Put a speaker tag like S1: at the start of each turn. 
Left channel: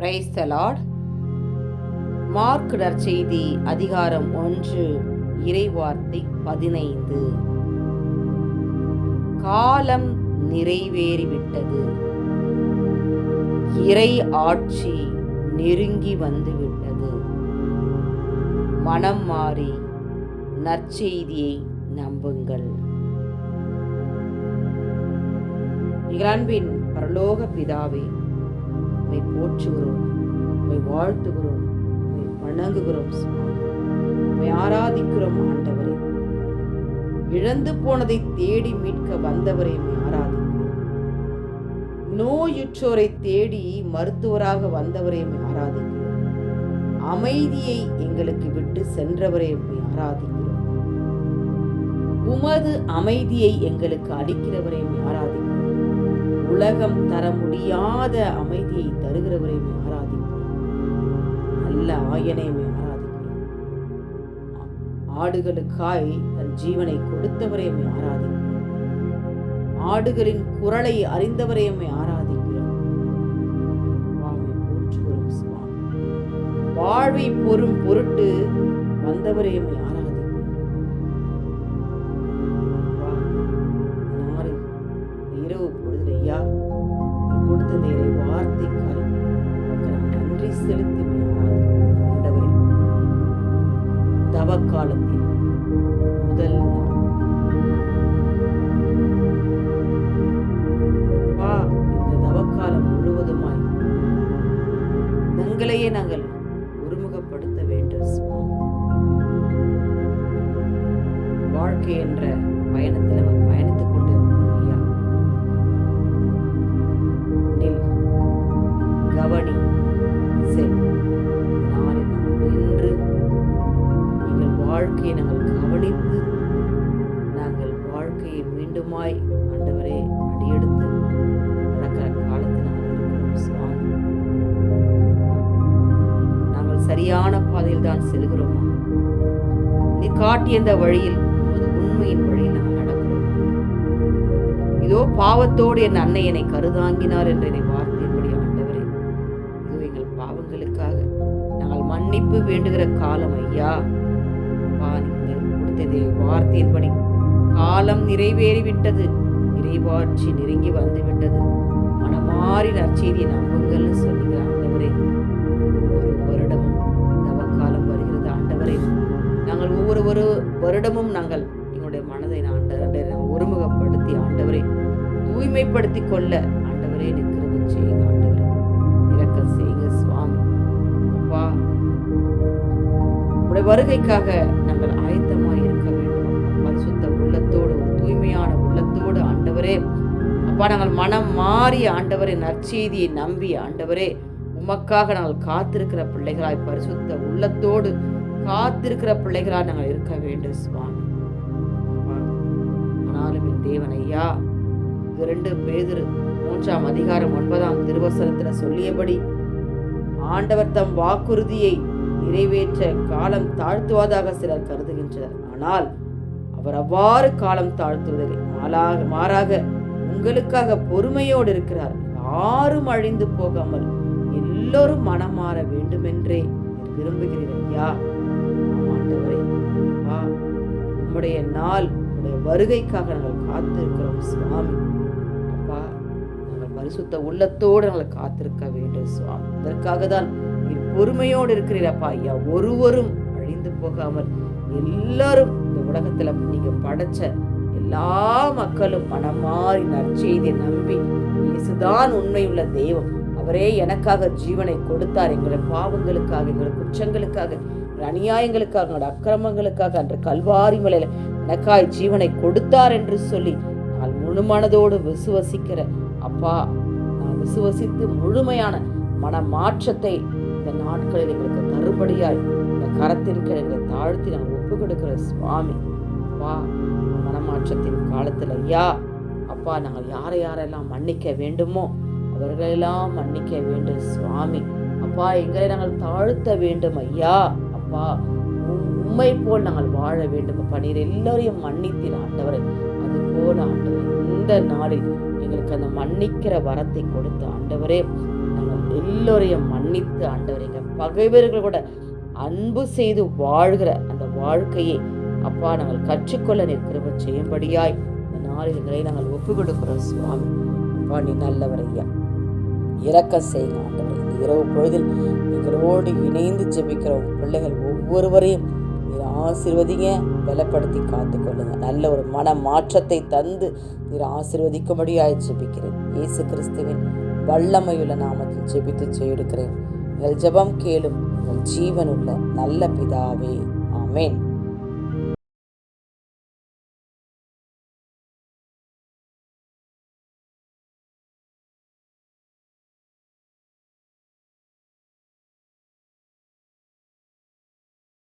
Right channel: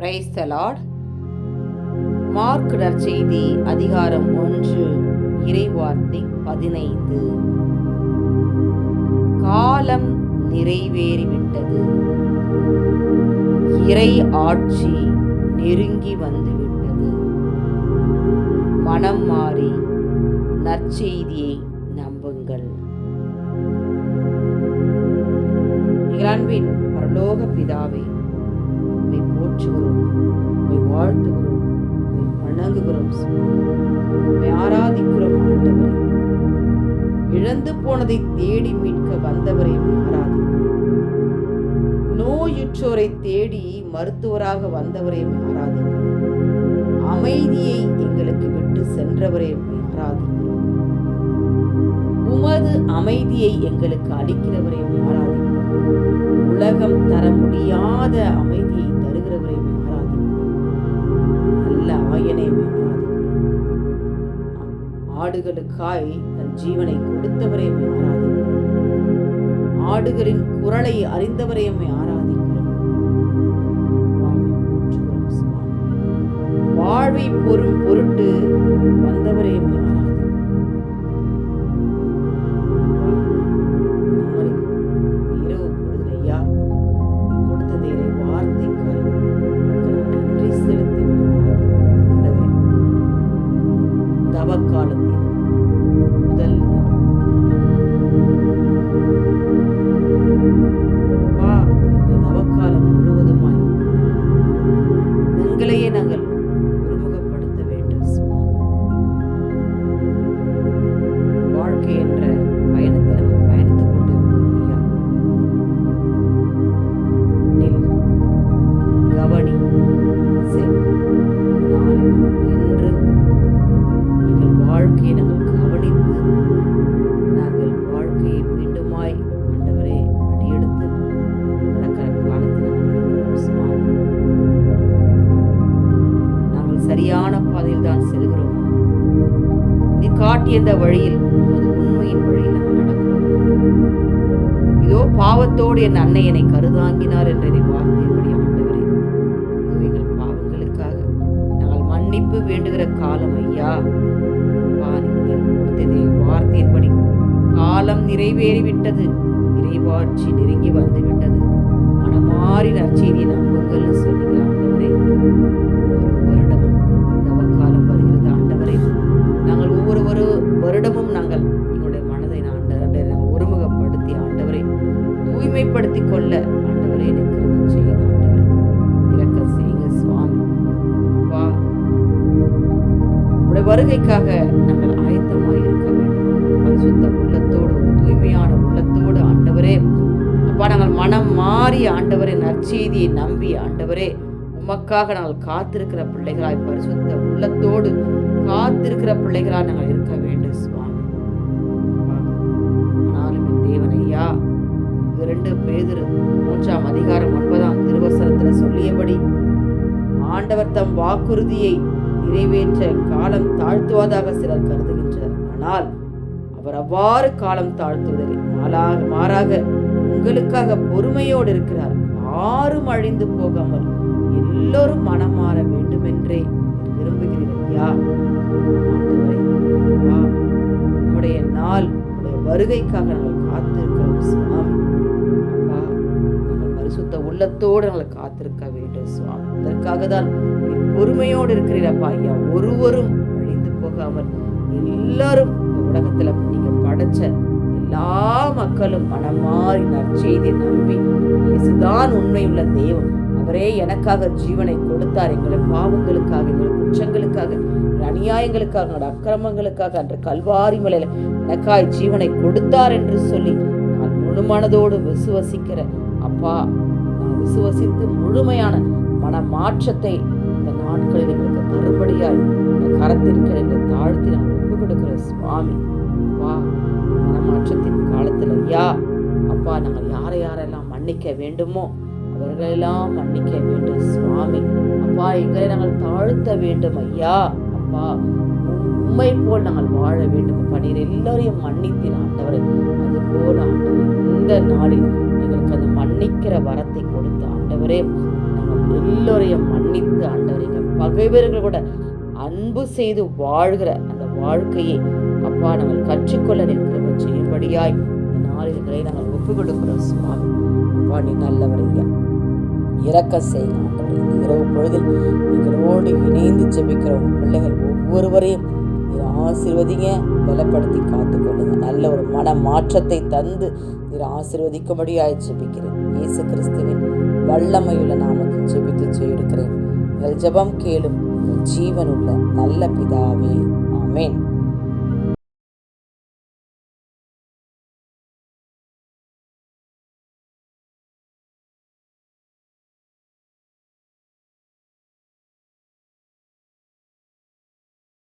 S1: Praise the Lord mark நற்செய்தி அதிகாரம் ஒன்று இறைவார்த்தை பதினைந்து. காலம் நிறைவேறிவிட்டது. இறை ஆட்சி நெருங்கி வந்துவிட்டது. மனம் மாறி நற்செய்தியை நம்புங்கள். இகலான்பின் பரலோக பிதாவே உண்மை போற்றுகிறோம் உண்மை வாழ்த்துகிறோம் உண்மை வணங்குகிறோம் உண்மை ஆராதிக்கிறோம் ஆண்டவரை. இழந்து போனதை தேடி மீட்க வந்தவரை ஆராதிக்கிறோம். நோயுற்றோரை தேடி மருத்துவராக வந்தவரை ஆராதிக்கிறோம். அமைதியை எங்களுக்கு விட்டு சென்றவரை ஆராதிக்கிறோம். உமது அமைதியை எங்களுக்கு அளிக்கிறவரை ஆராதிக்கிறோம். உலகம் தர முடியாத அமைதியை தருகிறவரை உம்மை ஆராதிக்கிறோம் நல்ல ஆயனை உம்மை ஆராதிக்கிறோம் ஆடுகளுக்காய் தன் ஜீவனை கொடுத்தவரை ஆராதிக்கிறோம் ஆடுகளின் குரலை அறிந்தவரை ஆராதிக்கிறோம் வாழ்வை பொறும் பொருட்டு வந்தவரை நீ வார்த்தைக்காய் நன்றி செலுத்தி உம்மை முதல் நாள். வா இந்த தவக்காலம் முழுவதுமாய் எங்களையே நாங்கள் ஒருமுகப்படுத்த வேண்டும் வாழ்க்கை என்ற பயணத்தில் வாழ்க்கையை நாங்கள் கவனித்து நாங்கள் வாழ்க்கையை மீண்டுமாய் ஆண்டவரே அடியெடுத்து நடக்கிற காலத்தில் நாங்கள் நாங்கள் சரியான பாதையில் தான் செல்கிறோமா? நீ காட்டிய இந்த வழியில் உமது உண்மையின் வழியில் நாங்கள் நடக்கிறோம்? இதோ பாவத்தோடு என் அன்னை என்னை கருதாங்கினார் என்ற என்னை வார்த்தையின்படி ஆண்டவரே. இதோ எங்கள் பாவங்களுக்காக நாங்கள் மன்னிப்பு வேண்டுகிற காலம் ஐயா. வார்த்தையின்படி காலம் நிறைவேறிவிட்டது. இறைவாட்சி நெருங்கி வந்து விட்டது மனமாறி நற்செய்தியை நம்புங்கள்னு சொல்லுகிற ஆண்டவரே ஒவ்வொரு வருடமும் தவக்காலம் வருகிறது. ஆண்டவரே நாங்கள் ஒவ்வொரு ஒரு வருடமும் நாங்கள் எங்களுடைய மனதை ஆண்டவரை நாங்கள் ஒருமுகப்படுத்தி ஆண்டவரை தூய்மைப்படுத்தி கொள்ள ஆண்டவரே எனக்கு செய்யுங்க ஆண்டவரே. செய்யுங்க சுவாமி. அப்பா உடைய வருகைக்காக நாங்கள் அப்பா நாங்கள் மனம் மாறி ஆண்டவரே நற்செய்தியை நம்பி ஆண்டவரே உமக்காக நாங்கள் காத்திருக்கிற பிள்ளைகளாய் பரிசுத்த உள்ளத்தோடு காத்திருக்கிற பிள்ளைகளாய் நாங்கள் இருக்க வேண்டும் சுவாமி. ஆனாலும் என் தேவன் ஐயா இரண்டு பேதுரு மூன்றாம் அதிகாரம் ஒன்பதாம் திருவசனத்துல சொல்லியபடி ஆண்டவர் தம் வாக்குறுதியை நிறைவேற்ற காலம் தாழ்த்துவதாக சிலர் கருதுகின்றனர். ஆனால் அவர் அவ்வாறு காலம் தாழ்த்துவதில்லை. மாறாக மாறாக உங்களுக்காக பொறுமையோடு இருக்கிறார். யாரும் அழிந்து போகாமல் எல்லோரும் மனம் மாற வேண்டுமென்றே விரும்புகிறீர்கள் ஐயா. ஆண்டவரே வா உம்முடைய நாள் உடைய வருகைக்காக நாங்கள் காத்திருக்கிறோம் சுவாமி. அப்பா நாங்கள் பரிசுத்த உள்ளத்தோடு நாங்கள் காத்திருக்க வேண்டும் சுவாமி. அதற்காக தான் பொறுமையோடு இருக்கிறீரப்பா ஐயா. ஒருவரும் அழிந்து போகாமல் எல்லாரும் இந்த உலகத்துல நீங்க படைச்ச எல்லா மக்களும் மனம் மாறி நற்செய்தி நம்பி இயேசுதான் உண்மையுள்ள தெய்வம் அவரே எனக்காக ஜீவனை கொடுத்தார். எங்களை பாவங்களுக்காக எங்கள் குற்றங்களுக்காக அநியாயங்களுக்காக எங்களோட அக்கிரமங்களுக்காக அன்று கல்வாரி மலையில எனக்காய் ஜீவனை கொடுத்தார் என்று சொல்லி நான் முழு மனதோடு விசுவசிக்கிற அப்பா நான் விசுவசித்து முழுமையான மன மாற்றத்தை இந்த நாட்களில் எங்களுக்கு தரும்படியாய் இந்த கரத்தின் கீழ் தாழ்த்தி நான் ஒப்பு கொடுக்கிற சுவாமி. அப்பா மனமாற்றத்தின் காலத்தில் ஐயா அப்பா நாங்கள் யாரை யாரெல்லாம் மன்னிக்க வேண்டுமோ அவர்களெல்லாம் மன்னிக்க வேண்டும் சுவாமி. அப்பா எங்களை நாங்கள் தாழ்த்த வேண்டும் ஐயா. அப்பா உண்மை போல் நாங்கள் வாழ வேண்டும். அப்பா நீர் எல்லாரையும் மன்னித்தீர் ஆண்டவரே. அது போல இந்த நாளில் எங்களுக்கு அந்த மன்னிக்கிற வரத்தை கொடுத்த ஆண்டவரே நாங்கள் எல்லோரையும் மன்னித்து ஆண்டவர் எங்கள் பகைவர்கள் கூட அன்பு செய்து வாழ்கிற அந்த வாழ்க்கையை அப்பா நாங்கள் கற்றுக்கொள்ள நிற்கிறவ செய்யும்படியாய் இந்த நாளில்களை நாங்கள் ஒப்பு கொடுக்கிறோம் சுவாமி. அப்பா நீ நல்லவர் ஐயா. இறக்க செய்யுங்க ஆண்டவரே இந்த இரவு பொழுதில் எங்களோடு இணைந்து ஜெபிக்கிற பிள்ளைகள் ஒவ்வொருவரையும் நீர் ஆசிர்வதிங்க பலப்படுத்தி காத்துக்கொள்ளுங்க. நல்ல ஒரு மன மாற்றத்தை தந்து நீர் ஆசிர்வதிக்கும்படியாய் ஜெபிக்கிறேன். இயேசு கிறிஸ்துவின் வல்லமையுள்ள நாமத்தில் ஜெபித்து ஜெயெடுக்கிறேன். எங்கள் ஜெபம் கேளும் ஜீவனுள்ள நல்ல பிதாவே. ஆமென்.